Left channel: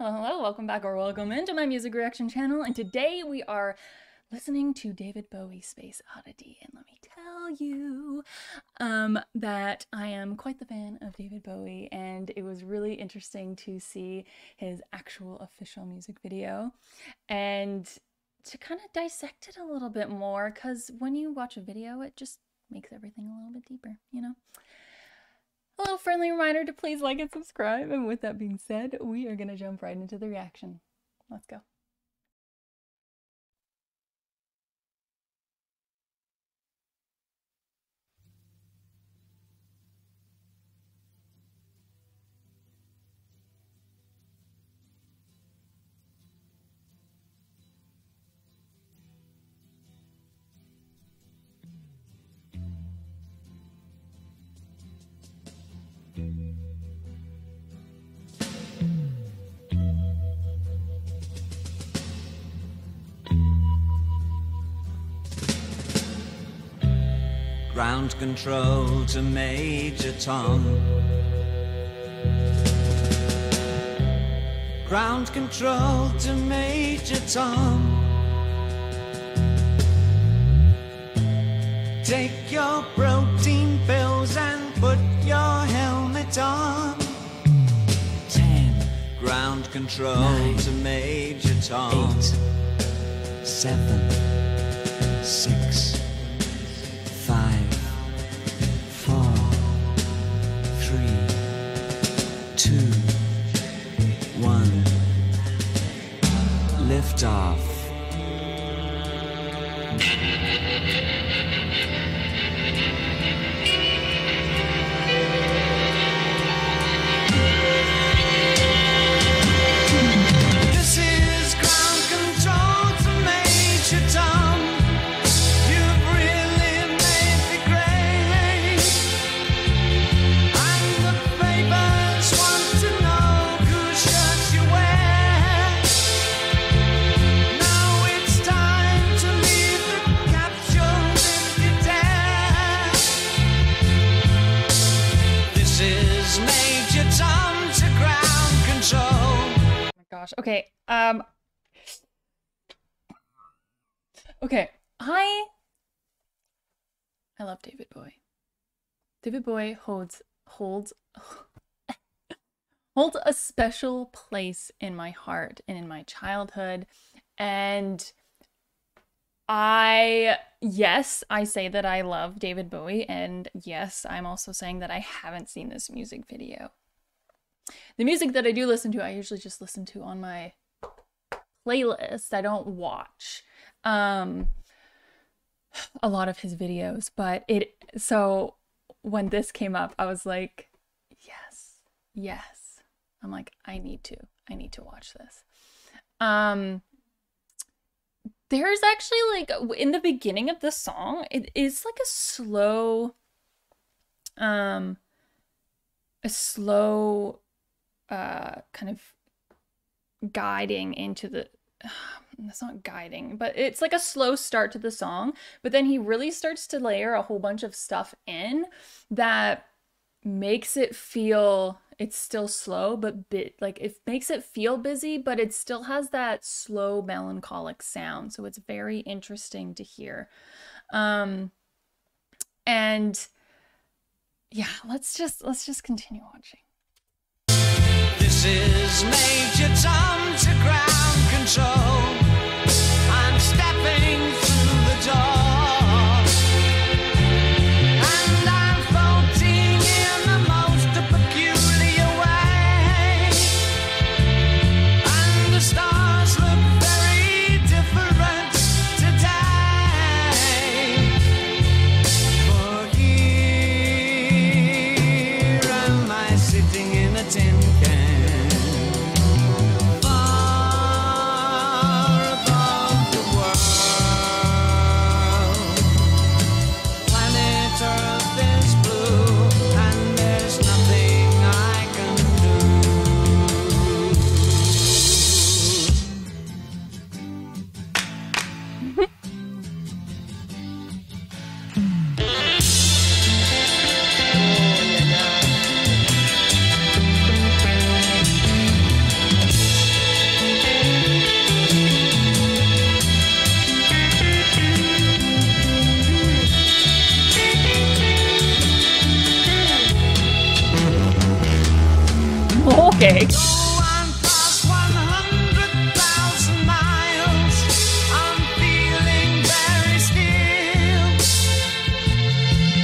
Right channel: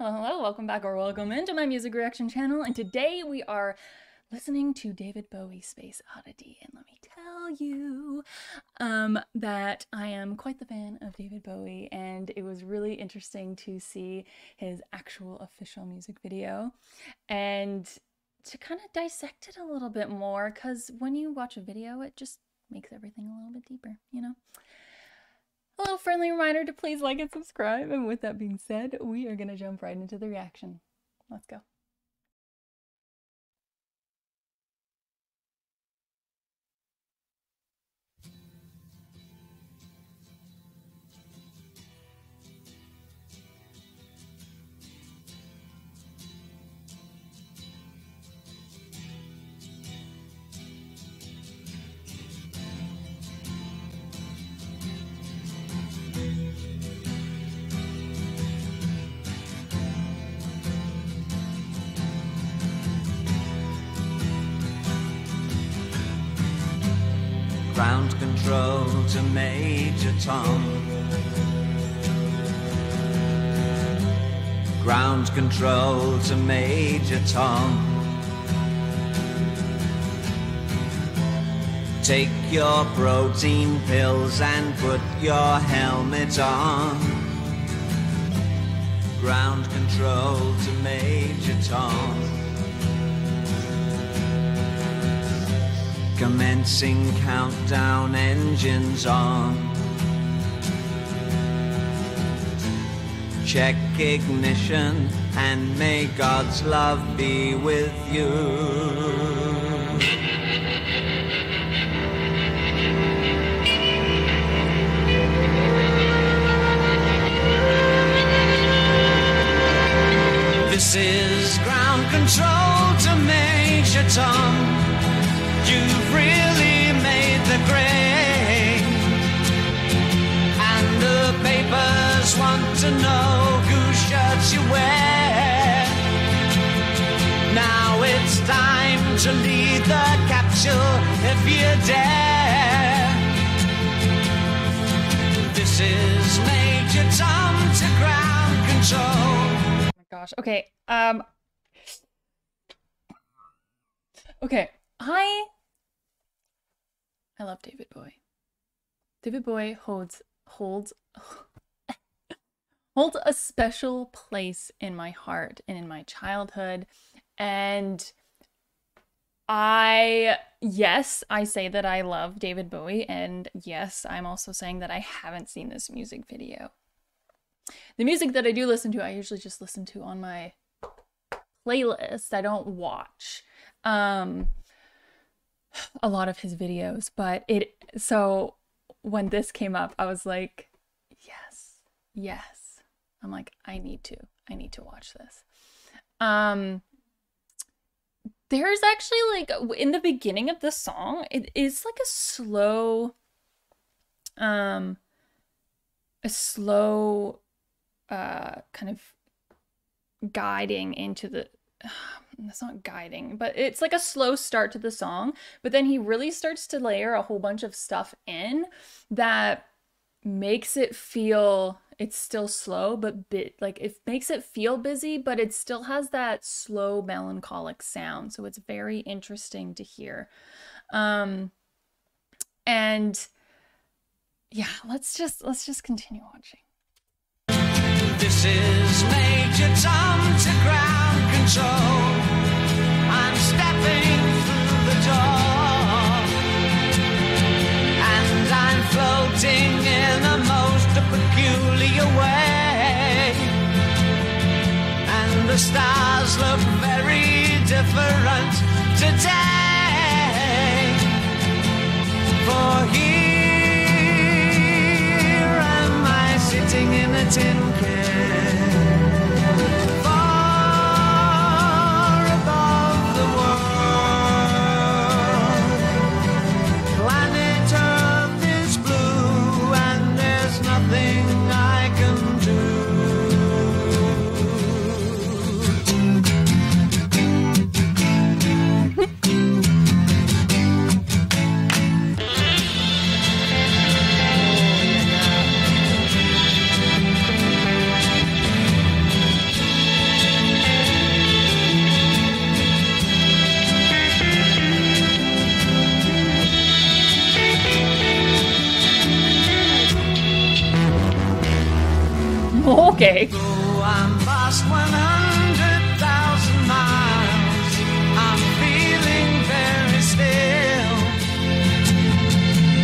Hello, welcome back or welcome into my music reaction channel, and today we are listening to David Bowie, Space Oddity, and let me tell you that I am quite the fan of David Bowie, and it was really interesting to see his actual official music video and to kind of dissect it a little bit more, because when you watch a video, it just makes everything a little bit deeper, you know? A little friendly reminder to please like and subscribe. And with that being said, we are going to jump right into the reaction. Let's go. Ground control to Major Tom. Ground control to Major Tom. Take your protein pills and put your helmet on. 10. Ground control 9, to Major Tom. 8, 7, 6. Commencing countdown, engines on. 3, 2, check ignition, and may God's love be with you. This is ground control to Major Tom. You've really made the grade, and the papers want to know whose shirts you wear. Now it's time to leave the capsule if you dare. This is Major Tom to ground control. Oh my gosh. Okay. Okay. I love David Bowie. David Bowie holds a special place in my heart and in my childhood. And yes, I say that I love David Bowie, and yes, I'm also saying that I haven't seen this music video. The music that I do listen to, I usually just listen to on my playlist. I don't watch a lot of his videos, but so when this came up, I was like, yes. I'm like, I need to watch this. There's actually, like, in the beginning of the song, it is like a slow kind of guiding into the that's not guiding, but it's like a slow start to the song, but then he really starts to layer a whole bunch of stuff in that makes it feel, it's still slow, but it makes it feel busy, but it still has that slow melancholic sound. So it's very interesting to hear. And yeah, let's just continue watching. This is Major Tom to ground control. I'm stepping through the door, and I'm floating in a most peculiar way, and the stars look very different today. For here am I sitting in a tin can. Okay. Though I'm past 100,000 miles, I'm feeling very scared.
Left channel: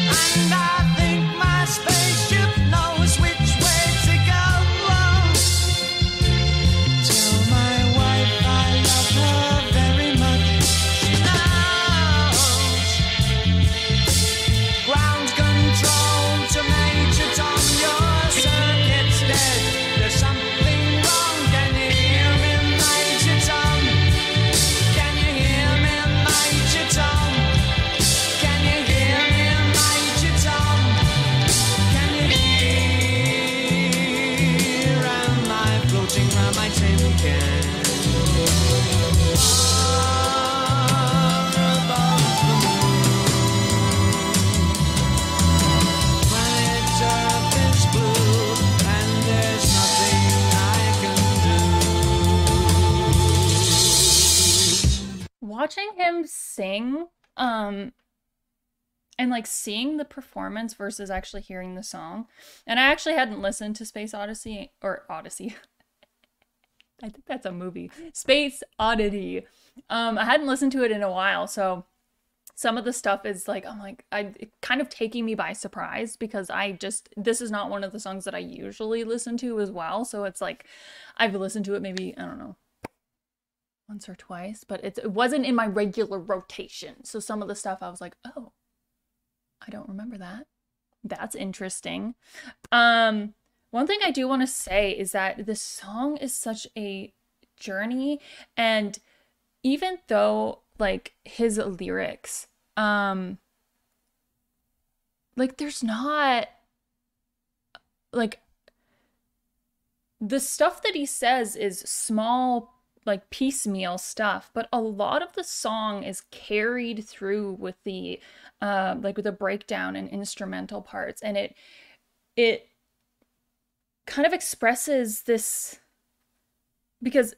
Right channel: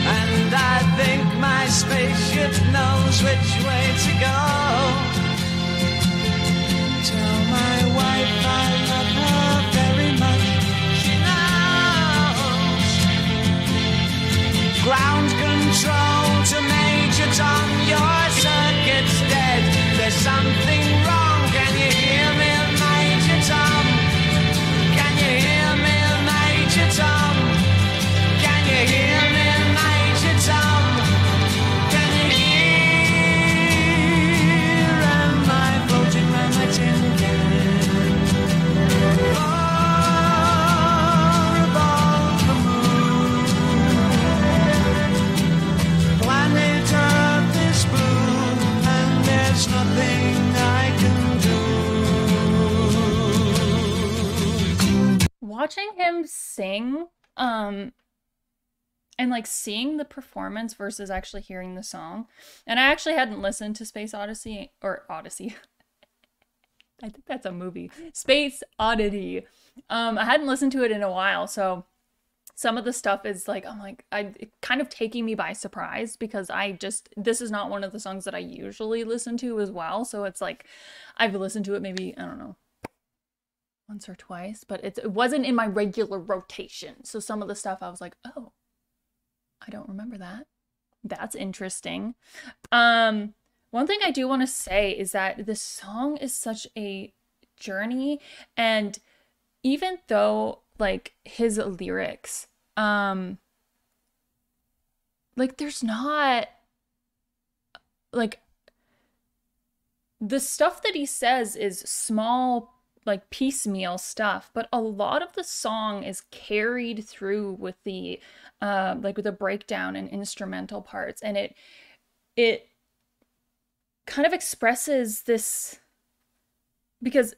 And I think my spaceship knows which way to go. Tell my wife I love her very much. She knows. Ground control to Major Tom, your circuit's dead. There's something wrong. Can you hear me, Major Tom? Can you hear me, Major Tom? Can you hear me, Major Tom? Can you hear? Am I floating on my tin can? Planet Earth is blue, and there's nothing I can do. Watching him sing, and like seeing the performance versus actually hearing the song. And I actually hadn't listened to Space Odyssey, or Odyssey. I think that's a movie. Space Oddity. I hadn't listened to it in a while, so some of the stuff is like, it's kind of taking me by surprise because this is not one of the songs that I usually listen to as well. So it's like, I've listened to it maybe, I don't know, once or twice, but it wasn't in my regular rotation. So some of the stuff I was like, oh, I don't remember that. That's interesting. One thing I do want to say is that this song is such a journey, and even though like his lyrics, like there's not like the stuff that he says is small, like piecemeal stuff, but a lot of the song is carried through with the like with the breakdown and instrumental parts, and it kind of expresses this because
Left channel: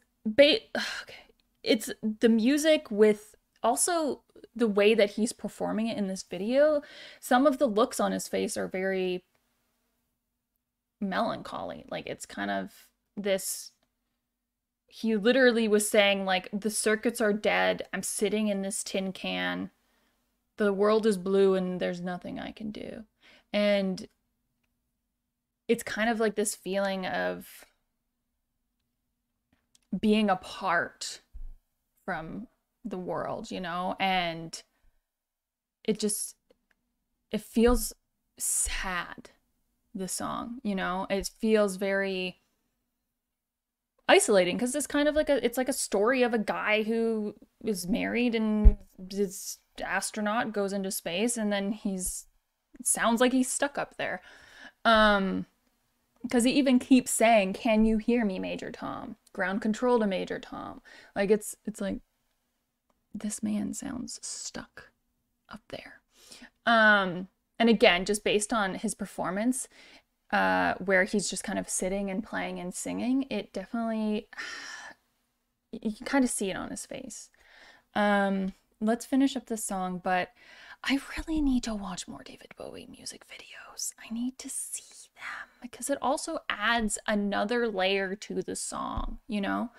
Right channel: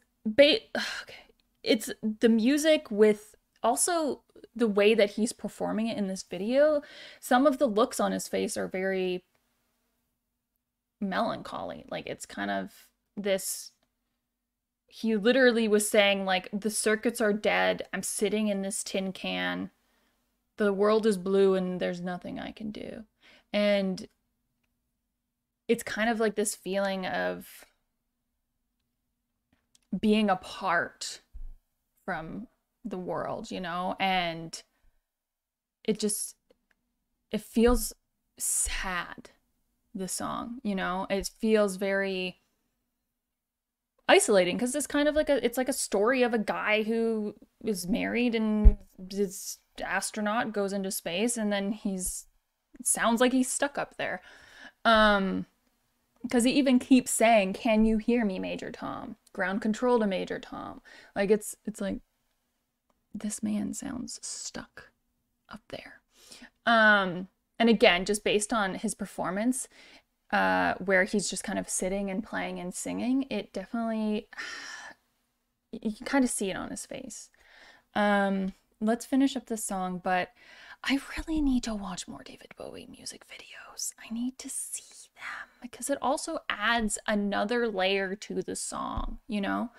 it's the music with also the way that he's performing it in this video. Some of the looks on his face are very melancholy. Like it's kind of this, he literally was saying like, the circuits are dead, I'm sitting in this tin can, the world is blue and there's nothing I can do. And it's kind of like this feeling of being apart from the world, you know? And it feels sad, the song, you know? It feels very isolating because it's kind of like it's like a story of a guy who is married and is astronaut, goes into space, and then it sounds like he's stuck up there. Because he even keeps saying, "Can you hear me, Major Tom? Ground control to Major Tom." Like it's like this man sounds stuck up there. And again, just based on his performance, where he's just kind of sitting and playing and singing, it definitely, you can kind of see it on his face. Let's finish up this song, but I really need to watch more David Bowie music videos. I need to see them because it also adds another layer to the song, you know?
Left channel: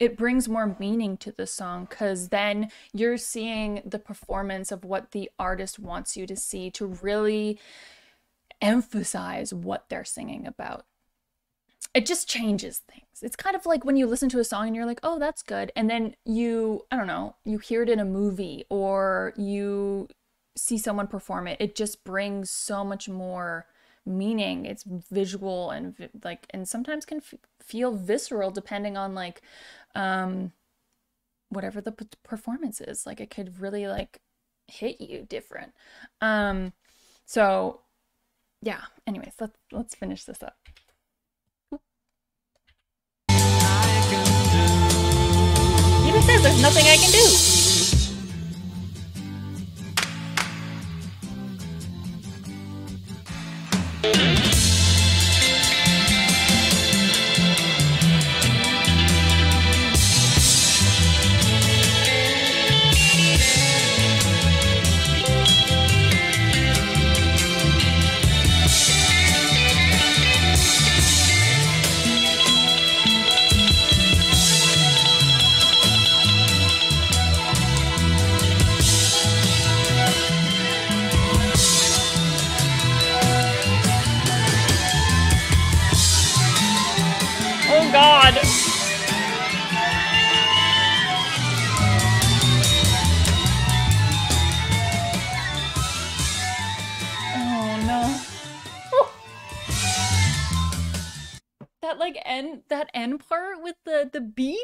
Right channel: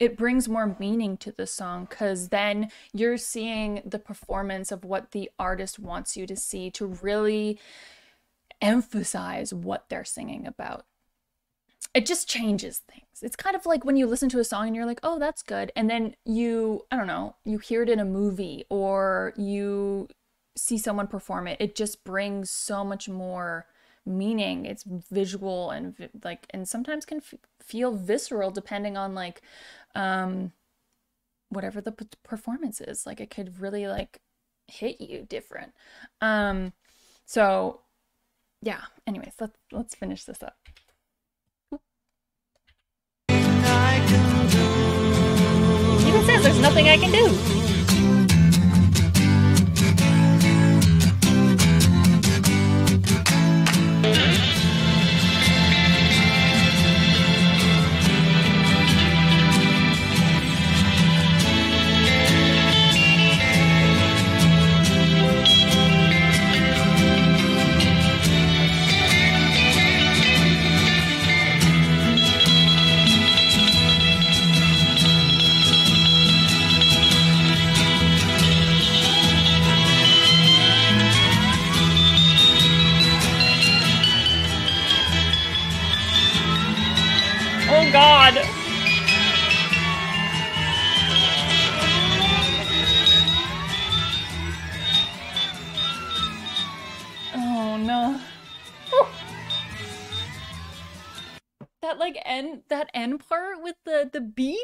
It brings more meaning to the song because then you're seeing the performance of what the artist wants you to see to really emphasize what they're singing about. It just changes things. It's kind of like when you listen to a song and you're like, oh, that's good. And then I don't know, you hear it in a movie or you see someone perform it. It just brings so much more meaning. It's visual and and sometimes can feel visceral depending on like whatever the performance is. Like it could really like hit you different. So yeah, anyways, let's finish this up. He even says there's nothing I can do. God. Oh no. That end part with the beeps,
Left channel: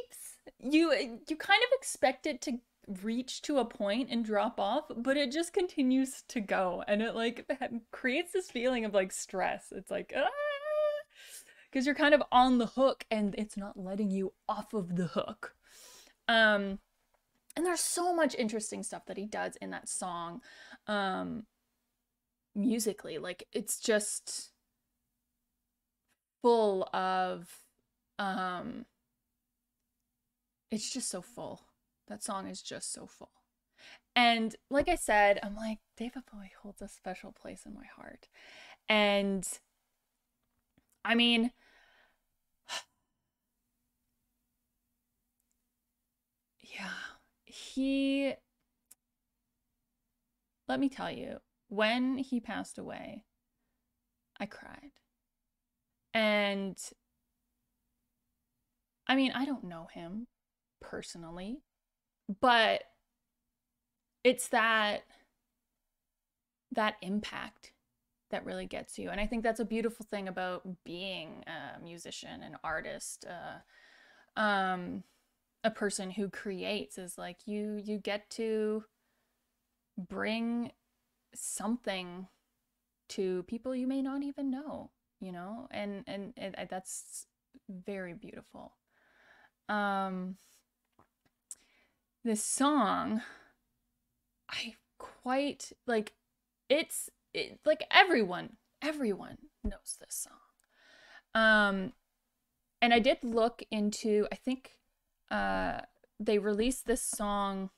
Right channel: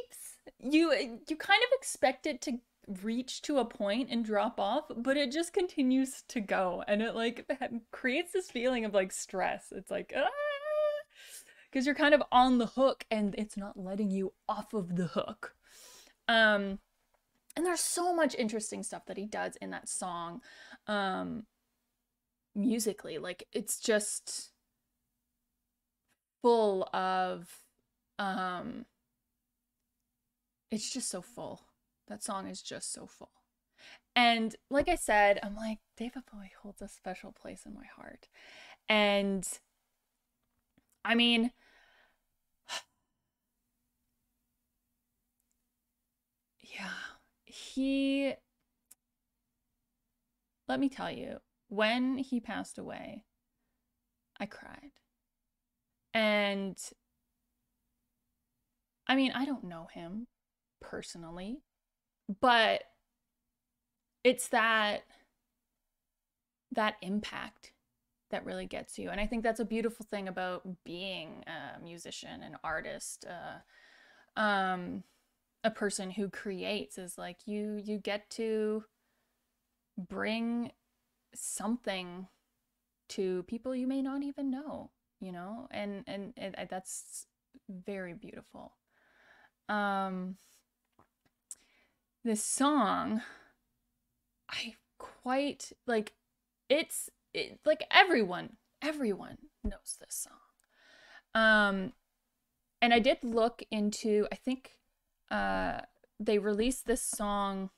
you kind of expect it to reach to a point and drop off, but it just continues to go, and it like creates this feeling of like stress. It's like because you're kind of on the hook and it's not letting you off of the hook. And there's so much interesting stuff that he does in that song, musically. Like it's just full of it's just so full. That song is just so full. And like I said, I'm like, David Bowie holds a special place in my heart. And I mean, yeah, let me tell you, when he passed away, I cried. And I mean, I don't know him personally, but it's that impact that really gets you. And I think that's a beautiful thing about being a musician, an artist, a person who creates, is like you get to bring something to people you may not even know, you know, and that's very beautiful. This song, I quite like, like everyone knows this song. And I did look into, I think they released this song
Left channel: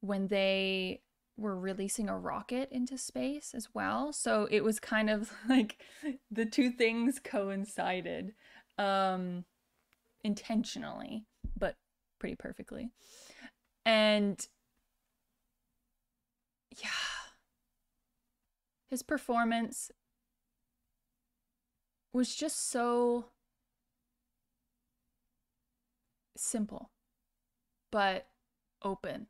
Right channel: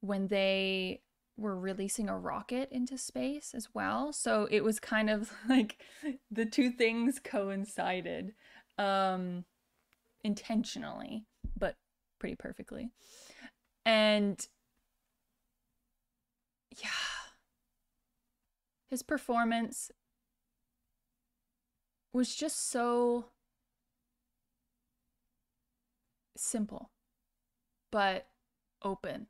when they were releasing a rocket into space as well. So it was kind of like the two things coincided, intentionally, but pretty perfectly. And yeah, his performance was just so simple, but open.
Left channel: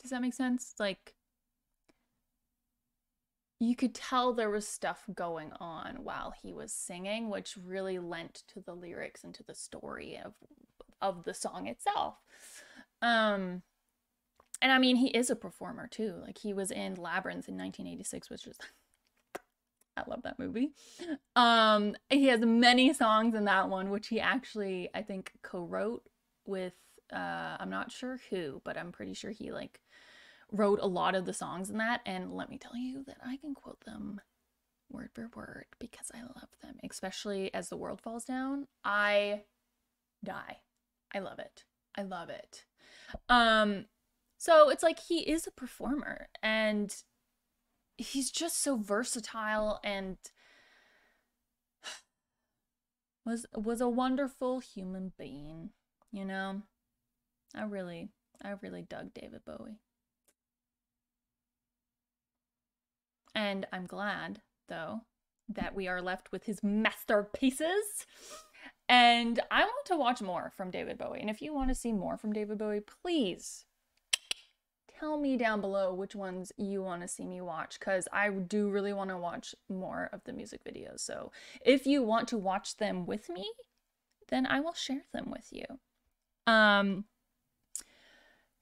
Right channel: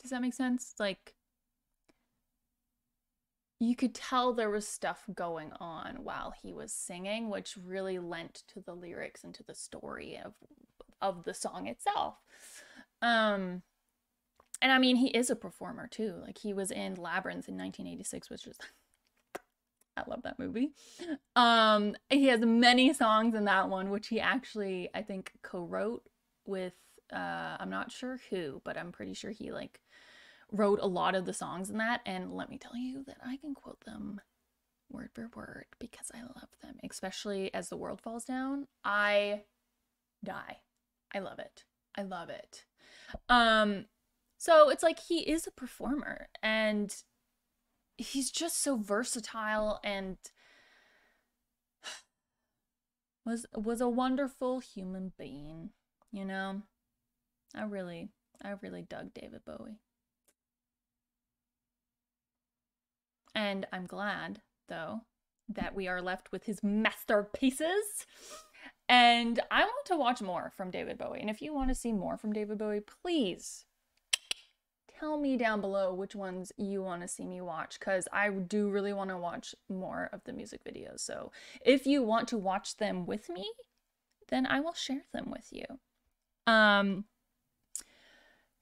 Does that make sense? Like, you could tell there was stuff going on while he was singing, which really lent to the lyrics and to the story of the song itself. And I mean, he is a performer too. Like, he was in Labyrinth in 1986, which is, I love that movie. He has many songs in that one, which he actually, I think, co-wrote with, I'm not sure who, but I'm pretty sure he like wrote a lot of the songs in that. And let me tell you that I can quote them word for word because I love them, especially As the World Falls Down. I die. I love it. I love it. So it's like he is a performer, and he's just so versatile, and was a wonderful human being, you know? I really dug David Bowie. And I'm glad, though, that we are left with his masterpieces. And I want to watch more from David Bowie. And if you want to see more from David Bowie, please tell me down below which ones you want to see me watch, because I do really want to watch more of the music videos. So if you want to watch them with me, then I will share them with you.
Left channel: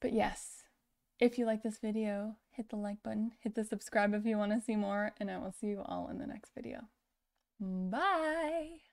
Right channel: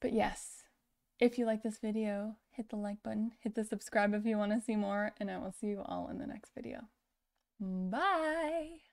But yes, if you like this video, hit the like button, hit the subscribe if you want to see more, and I will see you all in the next video. Bye!